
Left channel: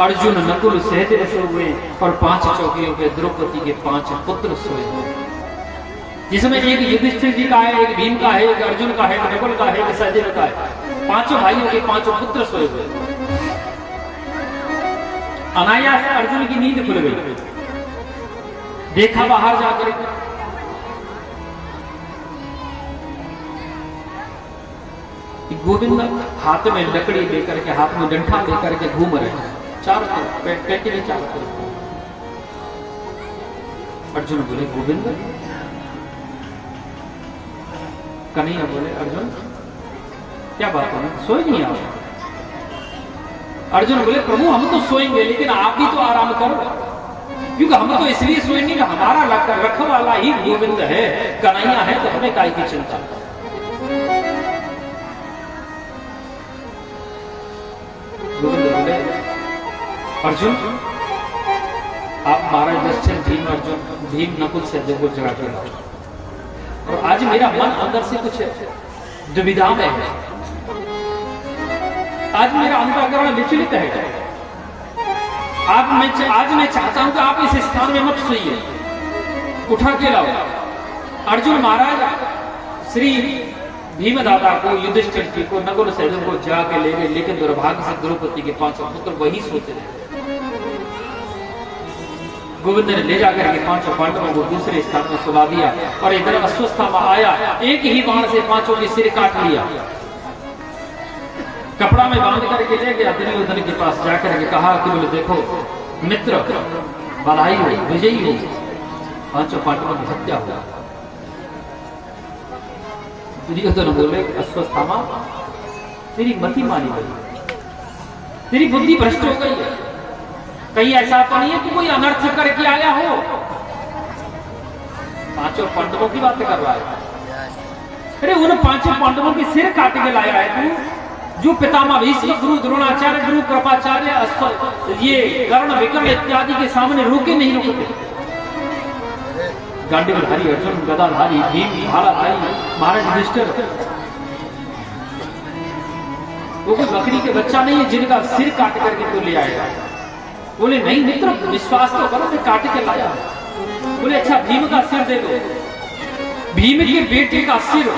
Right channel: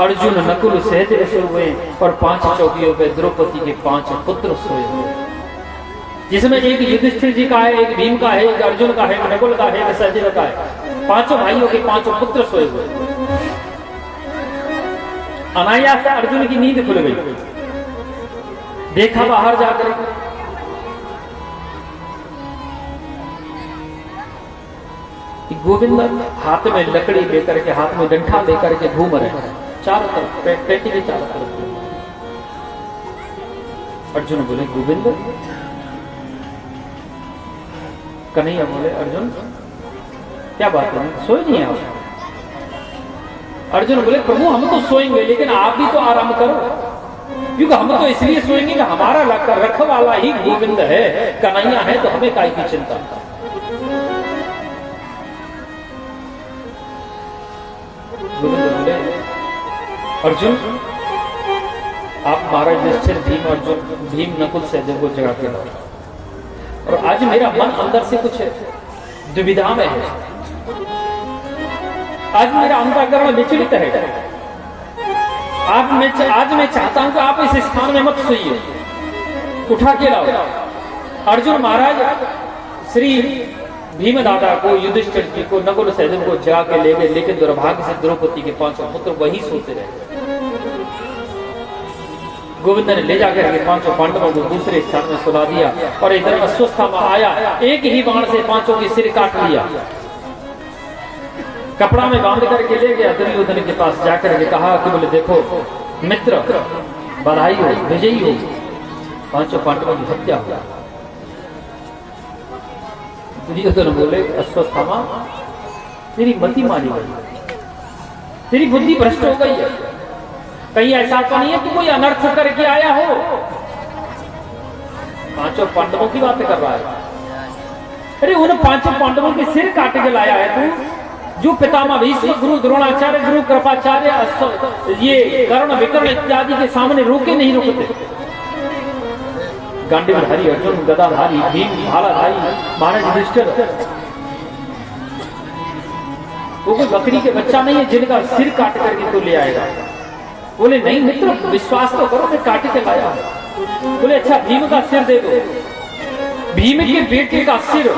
अर्जुन, नकुल सहित बसे हुए, और 5 चौकियों पे द्रौपदी के 5 पुत्र सोए हुए, जिसमें एक युधिष्ठिर जी का है, एक भीम का है, एक अर्जुन का है, एक नकुल का है, एक सहदेव का है। 5 भाइयों के 5 पुत्र सोए हुए। अनायास अर्जुन की नींद खुल गई। देखा बाहर जाकर कि गोविंद हाथ में लकड़ी लेकर के, हाथ में डंठा लेकर के घूम रहे हैं चारों तरफ, पेटी के चारों तरफ। अर्जुन बोले गोविंद, कन्हैया बोले अर्जुन क्या बात है, सोए नहीं आप? अर्जुन बोले प्रभु हम तो सोएंगे, लेकिन आप भी तो आराम करो, क्योंकि हम तो इसलिए सोएंगे कि हमारा रखवाला ही गोविंद है, कन्हैया है, तो हमें काय की चिंता। गोविंद बोले अर्जुन आप महाराज युधिष्ठिर भीम नकुल सहदेव को जगा के लाओ, और आज मेरा मन अंदर से कुछ दुविधा में है, आज मेरा अंतःकरण विचलित है। आज मैं चाहता हूं कि आप इस स्थान में मत सोइए, उठा के लाओ। अर्जुन महाराज श्री भीम दादा को, युधिष्ठिर जी को, नकुल सहदेव को जगा के ले गए, लेकिन दुर्भाग्य से द्रौपदी के 5 पुत्र वही सोते रहे। गोविंद ने ले जाकर के 5 पांडवों को दूसरे स्थान में सुला दिया, और इधर अश्वस्थामा आया, एक ही बाण से 5 के सिर काट लिया, कपड़ा में बांध करके ले गया। दुर्योधन के पास जाकर के कहा कि बोले देखो मित्र, बधाई हो, विजयी हो, 5 पांडवों की हत्या हुआ। दुर्योधन बोले अश्वस्थामा तेरी मति मानी गई, तेरी बुद्धि भ्रष्ट हो गई है, कहीं ऐसा तो नहीं है कि कोई अनर्थ करके आया हो? 5 पांडवों की बात कर रहा है। अरे उन 5 पांडवों के सिर काट के लाया है तू, जो पितामह भीष्म, गुरु द्रोणाचार्य, गुरु कृपाचार्य, ये कर्ण विकर्ण इत्यादि के सामने रोके नहीं रोकते। गांडीवधारी अर्जुन, गदाधारी भीम, भालाधारी महाराज युधिष्ठिर, वो कोई बकरी के बच्चा नहीं है जिनका सिर काट करके तो ले आएगा। बोले नहीं मित्र, विश्वास तो करो, मैं काट के लाया। बोले अच्छा भीम का सिर दे दो। भीम के बेटे का सिर,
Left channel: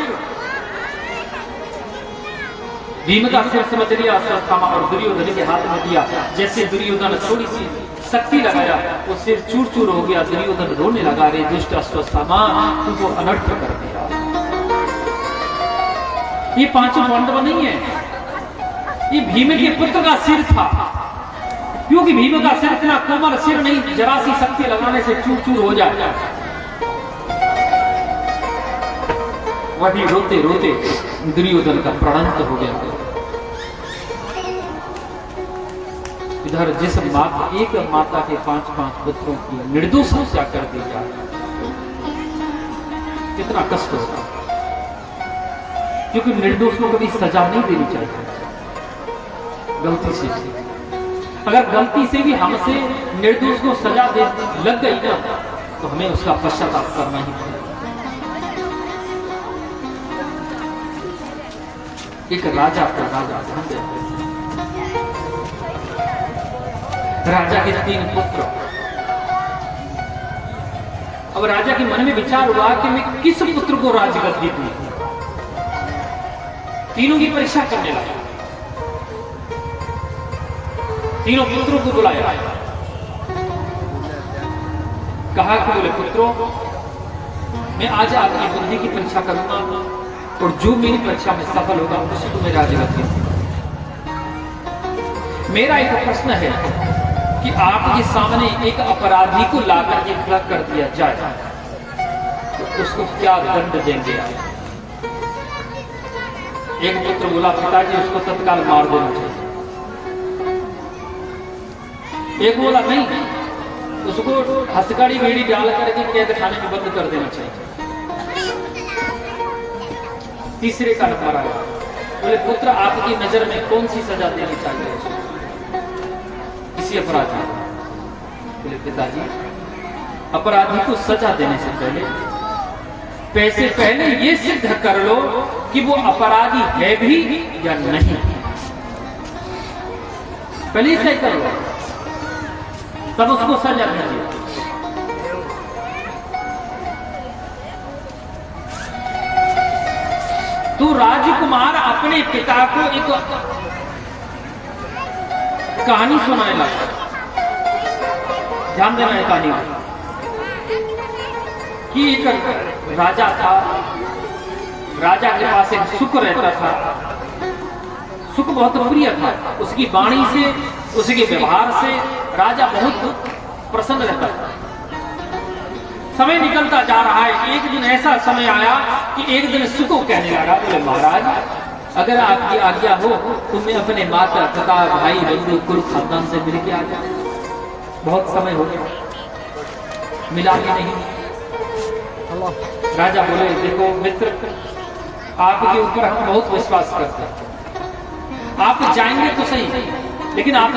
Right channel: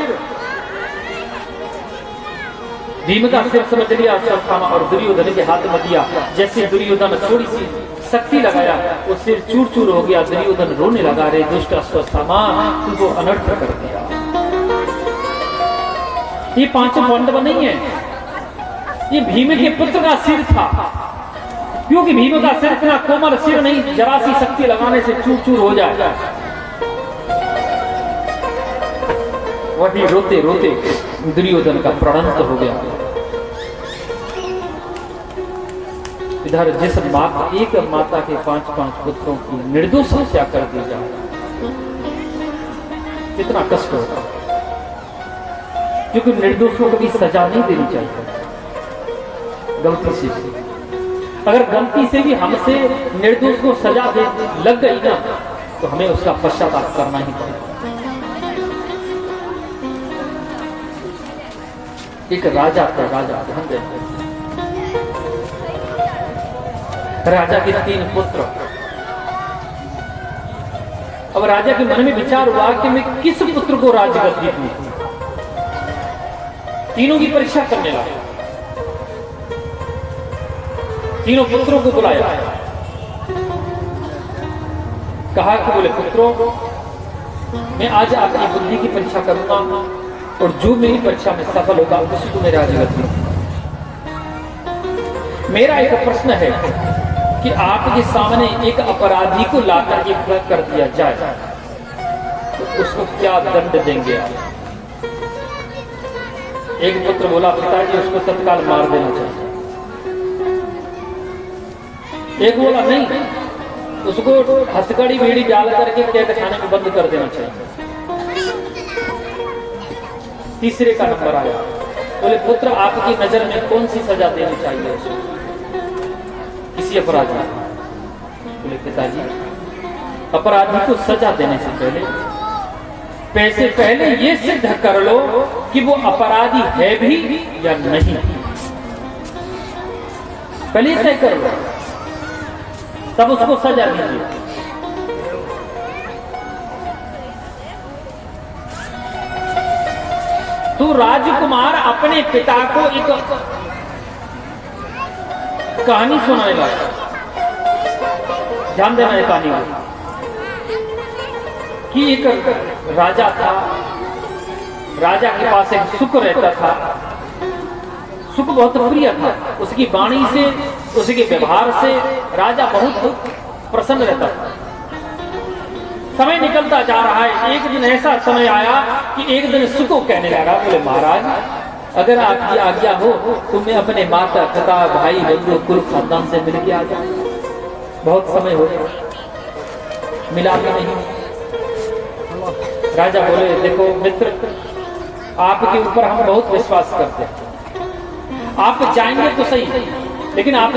भीम का सिर समझ लिया अश्वस्थामा, और दुर्योधन के हाथ में दिया। जैसे दुर्योधन थोड़ी सी शक्ति लगाया, वो सिर चूर चूर हो गया। दुर्योधन रोने लगा, रे दुष्ट अश्वस्थामा तुमको अनर्थ कर दिया। ये 5 पांडव नहीं है, ये भीम के पुत्र का सिर था, क्योंकि भीम का सिर इतना कोमल सिर नहीं, जरा सी शक्ति लगाने से चूर चूर हो जाता है। वही रोते रोते दुर्योधन का प्राणांत हो गया। इधर जिस एक माता के 5 पुत्रों की निर्दोष हत्या कर दी जाए, कितना कष्ट होता, क्योंकि निर्दोषों को भी सजा नहीं देनी चाहिए गलती से। अगर गलती से भी हमसे निर्दोष को सजा दे लग गई ना, तो हमें उसका पश्चाताप करना ही पड़ेगा। एक राजा था, राजा के 3 पुत्र। अब राजा के मन में विचार हुआ कि मैं किस पुत्र को राजगद्दी दूं। तीनों की परीक्षा करने लगा, तीनों पुत्रों को बुलाया, कहा कि बोले पुत्रों, मैं आज अपनी बुद्धि की परीक्षा करूंगा, और जो मेरी परीक्षा में सफल होगा उसी को मैं राजगद्दी दूंगा। मेरा एक प्रश्न है कि आपके सामने एक अपराधी को लाकर के खड़ा कर दिया जाए तो उसको क्या दंड देंगे? एक पुत्र बोला पिताजी उसको तत्काल मार देना चाहिए। एक बोला नहीं, उसको हथकड़ी बेड़ी डाल करके कैद खाने में बंद कर देना चाहिए। तीसरे का नंबर आया, बोले पुत्र आपकी नजर में कौन सी सजा देनी चाहिए उसको, किसी अपराधी? बोले पिताजी अपराधी को सजा देने से पहले ये सिद्ध कर लो कि वो अपराधी है भी या नहीं, पहले तय कर लो, तब उसको सजा दीजिए। तो राजकुमार अपने पिता को एक कहानी सुनाएगा, ध्यान देना है कहानी में, कि एक राजा था, राजा के पास एक सुख रहता था, सुख बहुत प्रिय था। उसकी वाणी से, उसके व्यवहार से राजा बहुत प्रसन्न रहता था। समय निकलता जा रहा है। एक दिन ऐसा समय आया कि एक दिन सुख को कहने लगा, बोले महाराज अगर आपकी आज्ञा हो तो मैं अपने माता पिता भाई बंधु कुल खानदान से मिल के आ जाऊं। बहुत समय हो गया, मिला भी नहीं। राजा बोले देखो मित्र, आपके ऊपर हम बहुत विश्वास करते हैं, आप जाएंगे तो सही, लेकिन आप